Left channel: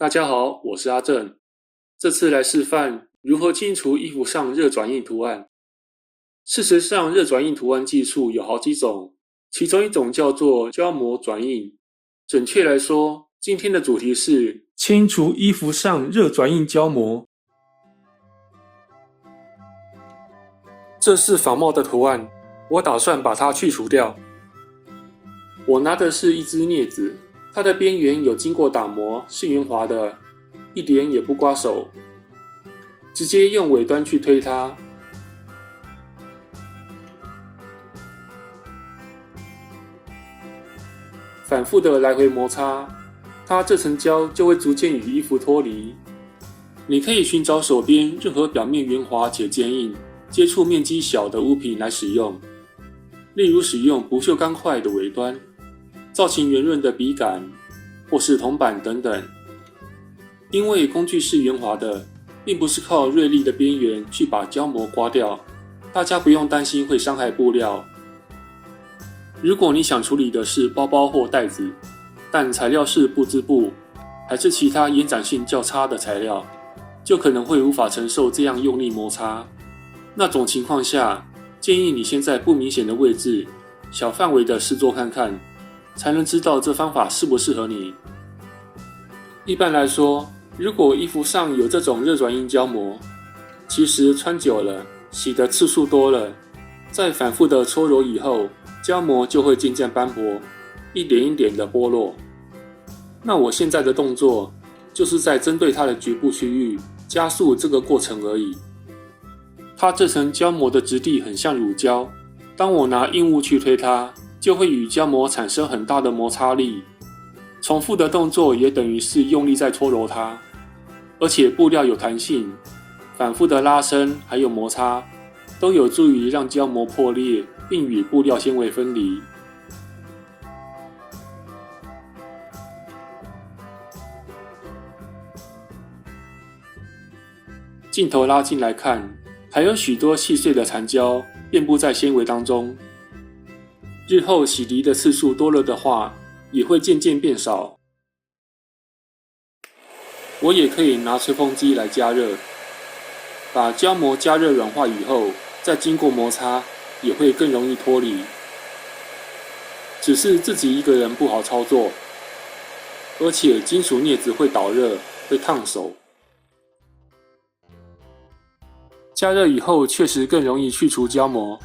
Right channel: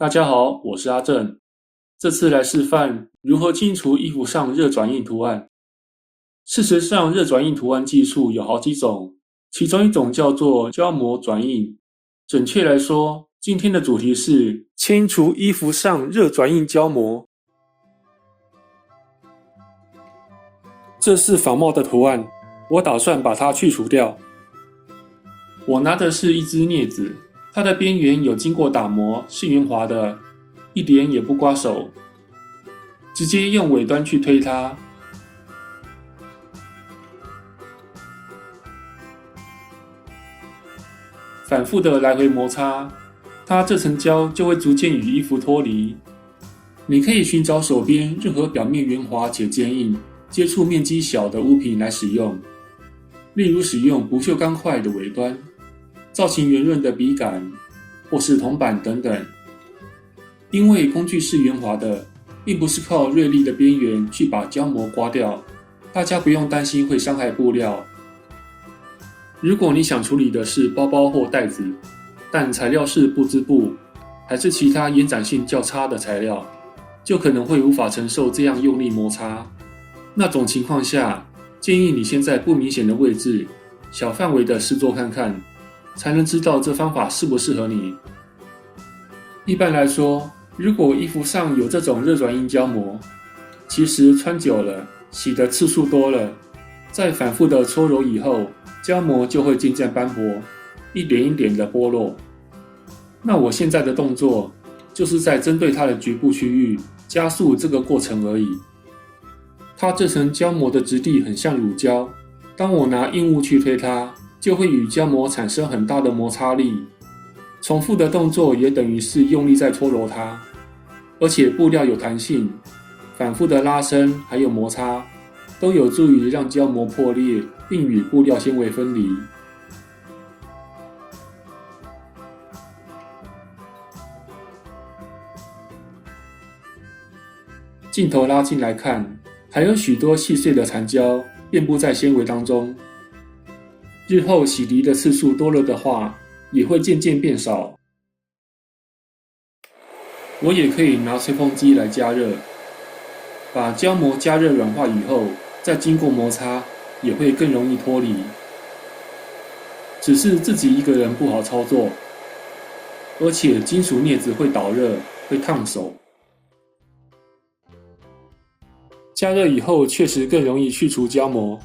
大家好，我是阿正。这次来示范如何清除衣服上热转印图案。事实上，热转印图案技术有好几种，其中一种叫做胶膜转印。准确来说，今天的主题是清除衣服上热转印胶膜。这是仿冒的图案，我打算把它去除掉。我拿的是一支镊子，它的边缘有经过打磨，是圆滑的，一点也不刮手。直接用尾端去推它，反复的来回摩擦，它这层胶就会逐渐与衣服脱离。你可以寻找手边任何表面圆滑且坚硬、接触面积小的物品来使用，例如使用不锈钢块的尾端、造型圆润的笔杆，或是铜板等等。因为工具是圆滑的，并不是靠锐利的边缘去把胶膜刮掉，大家不用担心会伤害布料。如果你想处理的是包包或袋子，但材料是布织布，还是其他延展性较差的材料，就可能会无法承受这样用力摩擦。那种情况下，建议你先在不明显的位置，小范围的试做看看，才能知道这方法适不适合你。一般来说，如果衣服上有这种热转印胶膜，其实穿久了，洗的次数多了，在反复的搓揉以后，胶膜就会渐渐斑驳，一点一点的剥落。那我现在的动作，就是在针对它的局部区域，加速这个过程而已。它这层胶膜的质地很像乳胶，当我拿硬物去推它，就会与胶膜产生很大的摩擦力。重复的动作也等于是用力在搓揉它，而且布料有弹性，反复的拉伸还有摩擦，都有助于让胶膜破裂，并与布料纤维分离。镜头拉近来看，还有许多细碎的残胶遍布在纤维当中。日后洗涤的次数多了的话，也会渐渐变少。我也可以拿吹风机来加热，把胶膜加热软化以后，再经过摩擦，也会更容易脱离。只是自己一个人不好操作，而且金属镊子会导热，会烫手。加热以后确实更容易去除胶膜。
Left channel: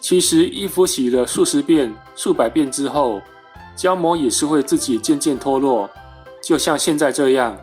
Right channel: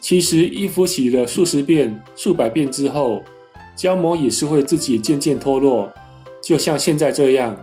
其实衣服洗了数十遍、数百遍之后，胶膜也是会自己渐渐脱落，就像现在这样。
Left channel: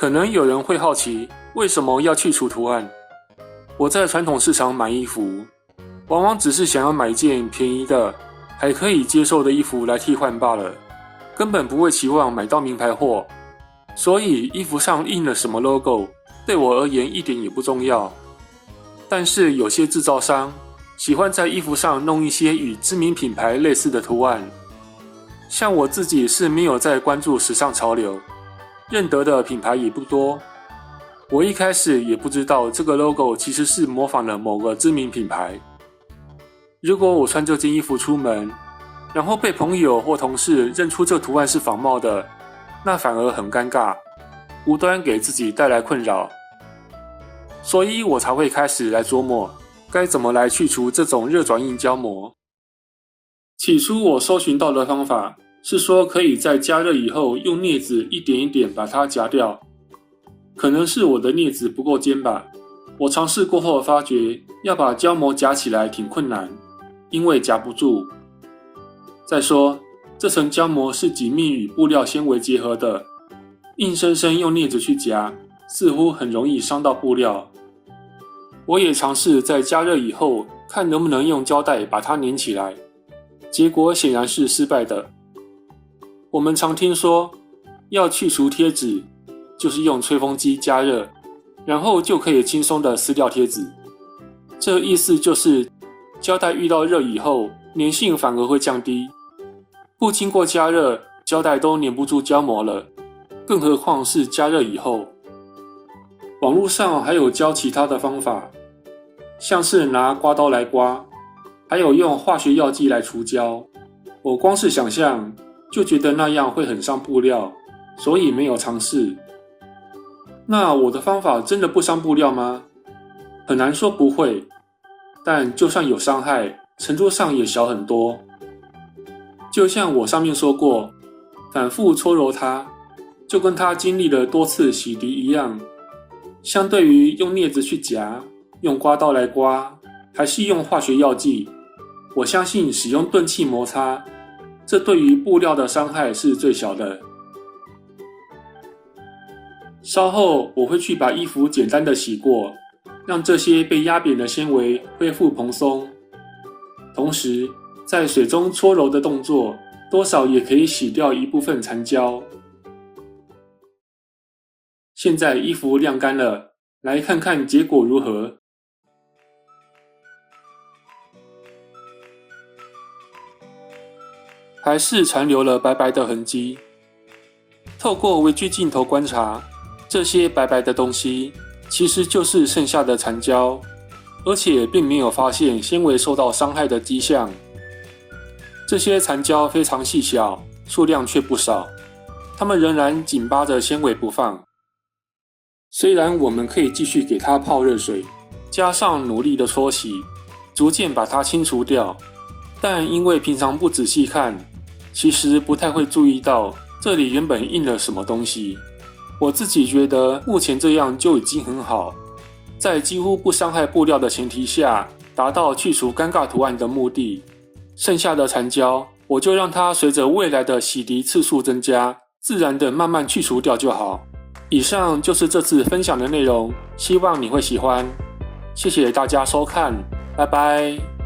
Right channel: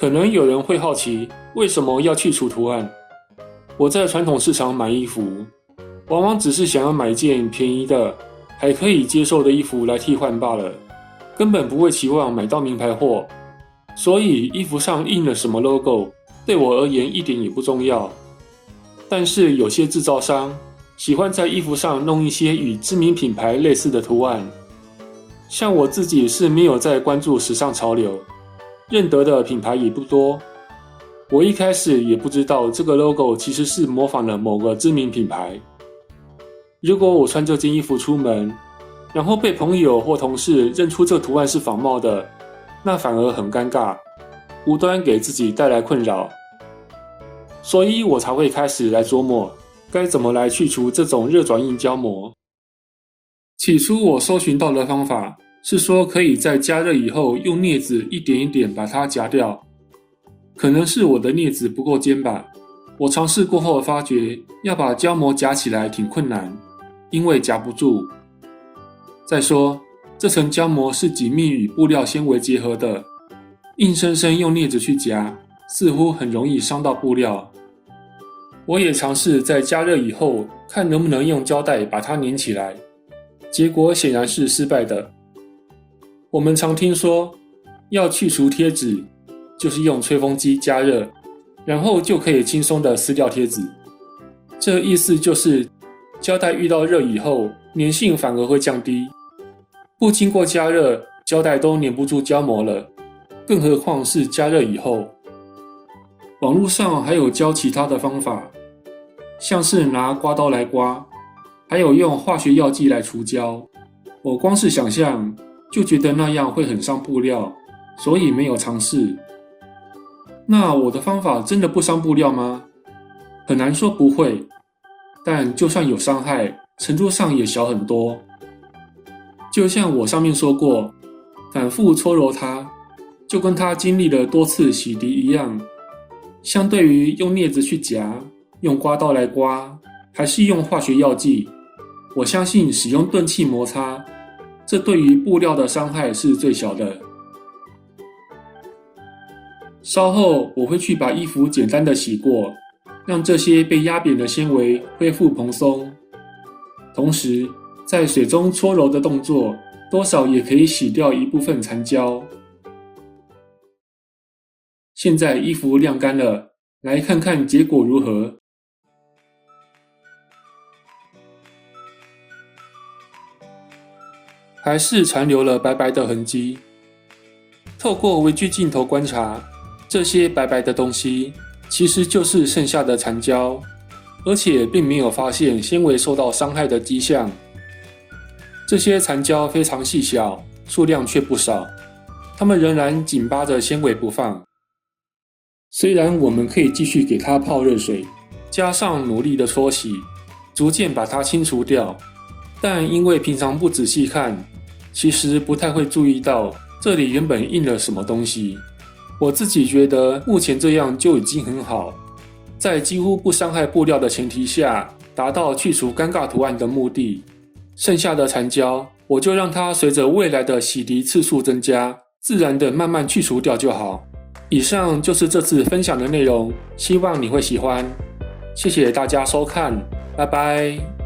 可能有人会好奇，为什么要去除图案？我在传统市场买衣服，往往只是想要买一件便宜的、还可以接受的衣服来替换罢了，根本不会期望买到名牌货。所以衣服上印了什么 logo， 对我而言一点也不重要。但是有些制造商喜欢在衣服上弄一些与知名品牌类似的图案，像我自己是没有在关注时尚潮流，认得的品牌也不多。我一开始也不知道这个 logo 其实是模仿了某个知名品牌。如果我穿这件衣服出门，然后被朋友或同事认出这图案是仿冒的，那反而很尴尬，无端给自己带来困扰。所以我才会开始来琢磨该怎么来去除这种热转印胶膜。起初我搜寻到的方法是说可以在加热以后用镊子一点一点把它夹掉，可能是我的镊子不够尖吧。我尝试过后发觉要把胶膜夹起来挺困难，因为夹不住。再说这层胶膜是紧密与布料纤维结合的，硬生生用镊子去夹，似乎很容易伤到布料。我也尝试在加热以后看能不能用胶带把它粘起来，结果显然是失败的。我们常听说要去除贴纸，就是用吹风机加热，然后就可以轻松地撕掉贴纸。这意思就是胶带遇到热以后粘性反而会降低，不经过加热胶带都粘不住胶膜了，更何况是加热以后。网络上还有教其他的方法，像是拿刮刀来刮，还有用化学药剂来除胶。我光是想象就觉得那样会很伤布料，所以没有尝试。那我的方法真的不伤布料吗？很难说不会，但就算有伤害，程度上也小很多。就像我上面说过，反复搓揉它，就跟它经历了多次洗涤一样。相对于用镊子去夹，用刮刀来刮，还是用化学药剂，我相信使用钝器摩擦，这对于布料的伤害是最小的。稍后我会去把衣服简单的洗过，让这些被压扁的纤维恢复蓬松。同时，在水中搓揉的动作，多少也可以洗掉一部分残胶。现在衣服晾干了，来看看结果如何。还是残留了白白的痕迹。透过微距镜头观察，这些白白的东西其实就是剩下的残胶，而且并没有发现纤维受到伤害的迹象。这些残胶非常细小，数量却不少，它们仍然紧扒着纤维不放。虽然我们可以继续给它泡热水，加上努力的搓洗，逐渐把它清除掉，但因为平常不仔细看，其实不太会注意到这里原本印了什么东西。我自己觉得目前这样就已经很好，在几乎不伤害布料的前提下，达到去除尴尬图案的目的。剩下的残胶，我就让它随着未来的洗涤次数增加，自然的慢慢去除掉就好。以上就是这次分享的内容，希望你会喜欢。谢谢大家收看，拜拜。